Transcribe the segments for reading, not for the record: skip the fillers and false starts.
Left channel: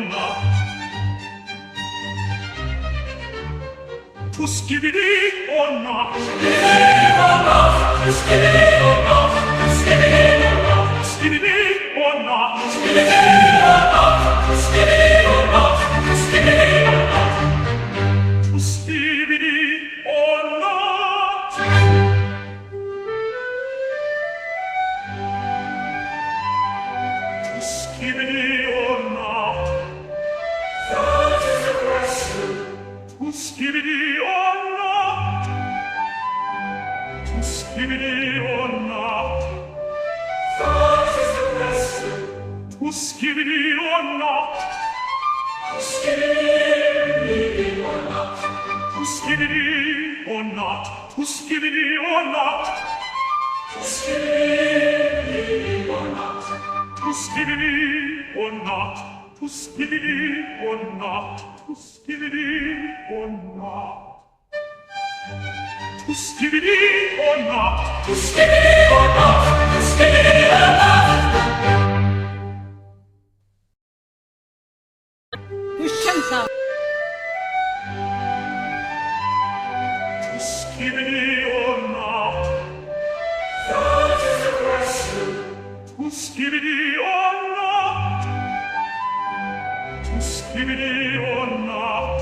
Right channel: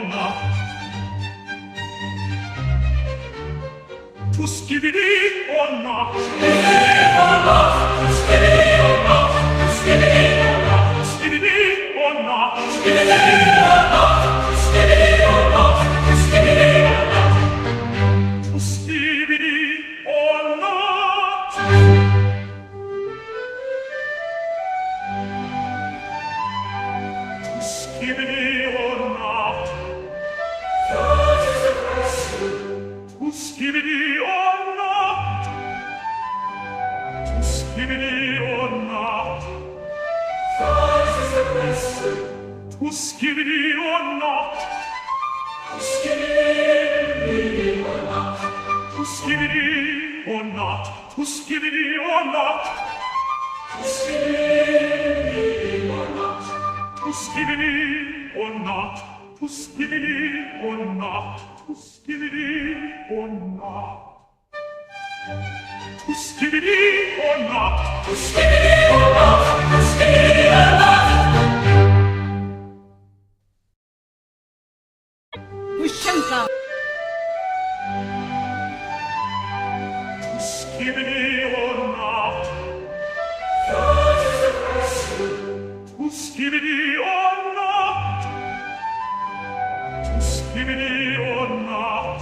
not. To skibidi or not. To skibidi or not. To skibidi or not. To skibidi or not. To skibidi or not. To skibidi or not. To skibidi or not. To skibidi or not. That is the question. To skibidi or not. To skibidi or not. That is the question. To skibidi or not. To skibidi or not. To skibidi or not. To skibidi or not. To skibidi or not. To skibidi or not. To skibidi or not. To skibidi or not. To skibidi or not. To skibidi or not. To skibidi or not. Ushanka. To skibidi or not. That is the question. To skibidi or not. To skibidi or not.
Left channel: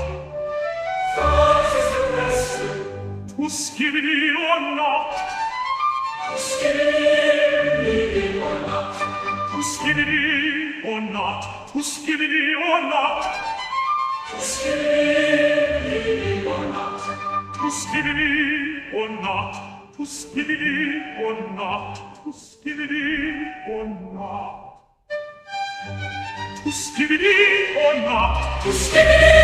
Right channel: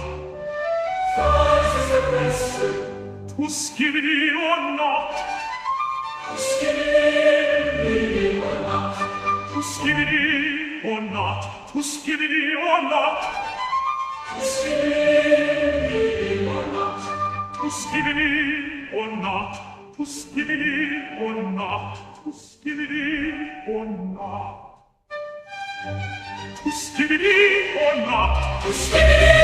That is the question. To skibidi or not. To skibidi or not. To skibidi or not. To skibidi or not. To skibidi or not. To skibidi or not. To skibidi or not. To skibidi or not. To skibidi or not. To skibidi